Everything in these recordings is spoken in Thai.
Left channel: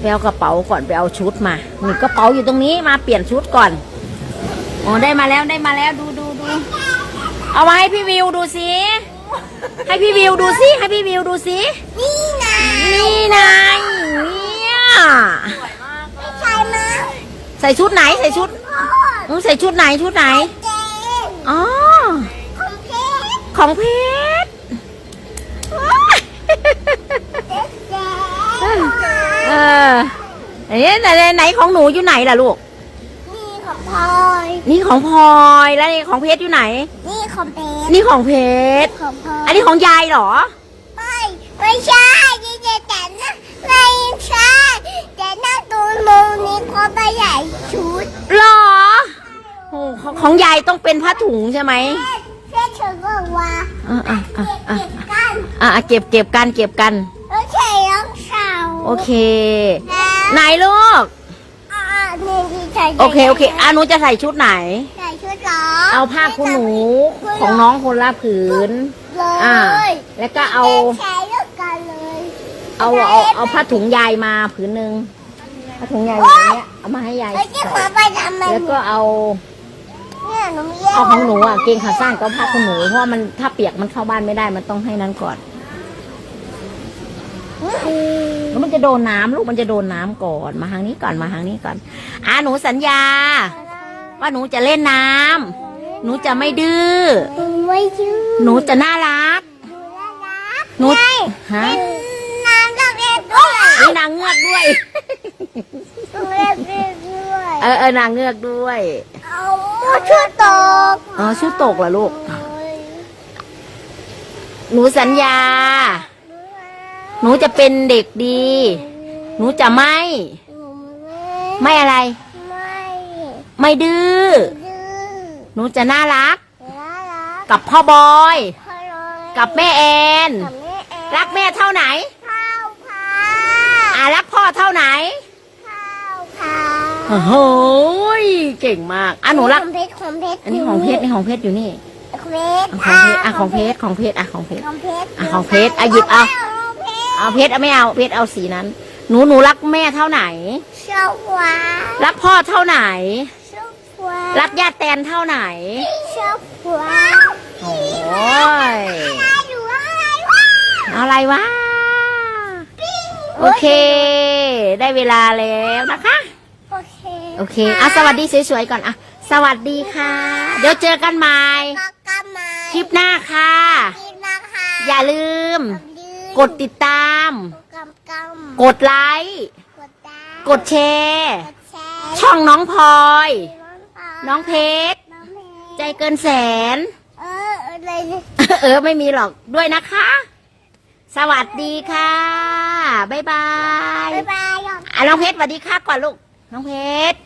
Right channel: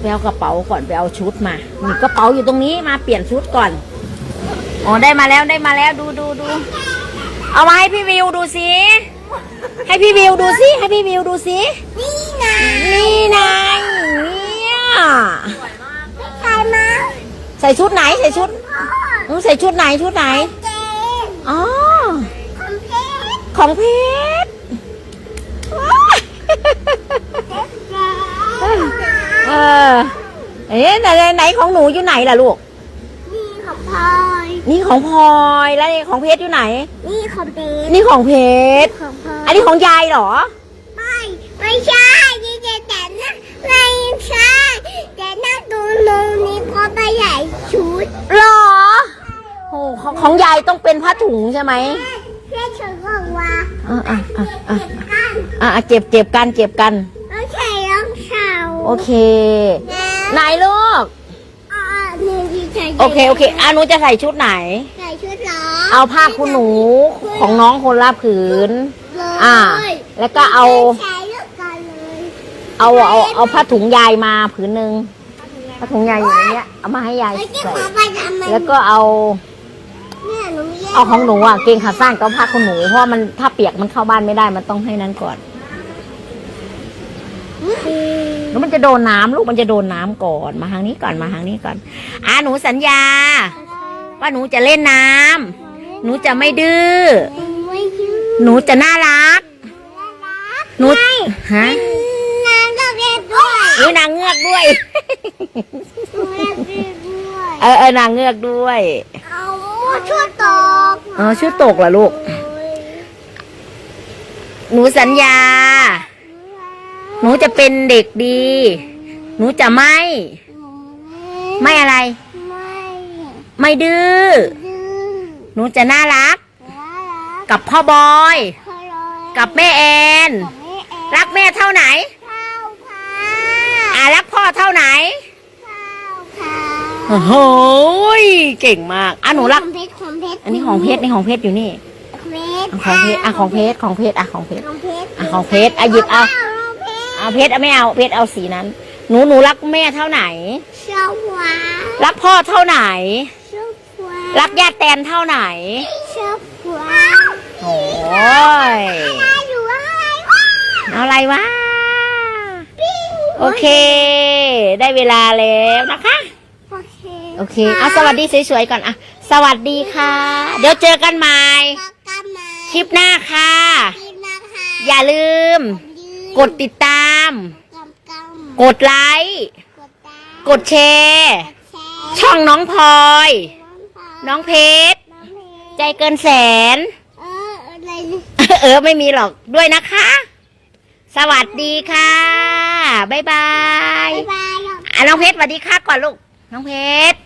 ไปเอากระเป๋าก่อนไปเอาชุดมานี่กระเป๋าอยู่ตรงนี้มาเปลี่ยนชุดก่อนอ๋อได้มาแล้วได้มาแล้วดูดูดูเอามาให้พี่วิวดูสิให้พี่วิวดูสิให้พี่วิวดูสินี่ไงนี่นายเนี่ยใครมาใส่ชุดไหนใส่ชุดอืมใส่ชุดไหนชุดไหนเจ๊อ๋อคอมเพลตของเพชรเจ๊เออ เอ๊ะไหนไหนไหนของหนูอยู่ไหนล่ะลูก นี่ของพลอยนี่ของพลอยแล้วนี่ของเพชรอยู่ไหน นี่ของเพชรนี่ของเพชรของพลอยอันนี้ของยายเหรอ ไม่ไม่ใช่นี่จะแต่นะไม่ใช่แต่หน้าตัวมูนี่ก็ไปใหญ่ชุดเหรอโอ้ของของยายต้องเป็นผ้าถุงใช่ไหมเพื่อนฉันบอกว่าอะอะอะอะเก็บกันอะอะเก็บเก็บกันเก็บกัน โอเครองเท้าโอเคนะ ไหนลูก อ่านี่ที่ใส่โอเคโอเคอะหนูจะใส่ชุดไหน ใส่ชุดเหรอเอาผ้าคุณหนูของน้องคนละผืน อ่า แล้วก็เอา ใช้เลือกกันเลยเอาเอาเอาผ้าถุงยายมาผืนหนึ่งผ้าถุงยายอยู่ในเนี้ยเอามาให้ยายไอ้ที่ใส่ขอไปทำมันแล้วก็เอาเนี่ยหนูมีเอาของหนูอะเกงขาสั้นก็ผ้าคุณหนูเพราะมันถ้าเปียกมันเข้าบ้านไม่ได้มันต้องให้นั้นก่อน แล้วมันจะโดนน้ำลูกมันจะโดนน้ำก่อนมาทางนี้ก่อนมาทางนี้ก่อนอ่าหนูสัญญา ว่าหนูจะเล่นน้ำหนูจะไม่ดื้อไม่ชื่อหนูจะน่ารักหนูฮะนางก็เรียนด้วยนี่นางเงือกด้วยเรียนด้วยเออเออนางเงือกด้วยเอาชุดตกเออชื่อตกเหรอลูก หนูสัญญา หนูจะเป็นเด็กดี หนูจะไม่ ไม่อะไร ไม่ไม่ดื้อ ดื้อหนูจะน่ารัก น่ารักกับพ่อบอย ฮัลโหลกับแม่แอน กับแม่เอ๋รักแม่เท่าไหน ข้าวค่ะอ่ารักพ่อเท่าไหนข้าวค่ะโอ้โหยเก่งมากอะหนูรัก ของเพชรของเพชรอันนี้ของเพชรนี่ของเพชรอยู่นี่ของเพชรอะของเพชรอะของเพชรของเพชรอะของเพชร ของเพชรอะของเพชรอะหยิบเอา เอาเพชรเอาไม่เอาเพชรเอาสีนั้น หนูหนูรักแม่เท่าไหนเช้าหวานรักพ่อเท่าไหนเช้าหวานรักญาติแตนเท่าไหนเช้าหวานโอ้ยอะไรอยู่อะไรวะเอาอะไรวะโอเค ได้เวลาแล้วนะคะโอเคโอเคอะสวัสดีสวยๆก่อนอะสวัสดีค่ะ เดี๋ยวเจอกันใหม่กกันมาคลิปหน้าค่ะกินนะคะอย่าลืม กดติดตาม กำกำกดไลค์กดตามกดแชร์แชร์ช่องน้องพลอย น้น้อองงเพชรน้องเพชรใจเกินแสน เอออะไรเนี่ย เออไม่มีหรอกด้วยนะคะ สวัสดีค่ะ บ๊ายบาย บ๊ายบายหรอกอะน้องเพชรสวัสดีค่ะก่อนลูก น้องเพชร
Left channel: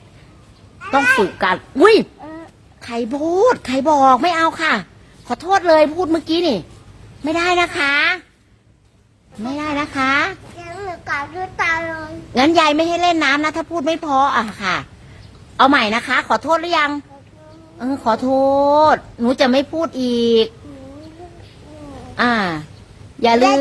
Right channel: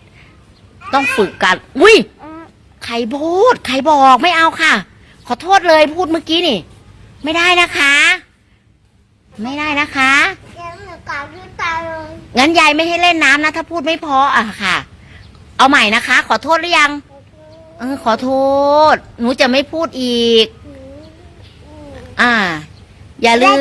ต้องฝึกกันอุ้ย เออ ใครพูด ใครบอกไม่เอาค่ะ ขอโทษเลยพูดเมื่อกี้นี่ ไม่ได้นะคะ ไม่ได้นะคะแล้วหนูกลับด้วยตาเลยงั้นยายไม่ให้เล่นน้ำนะ ถ้าพูดไม่เพออะค่ะ เอาใหม่นะคะ ขอโทษหรือยัง เออ ขอโทษ หนูจะไม่พูดอีก อ่า อย่าลืม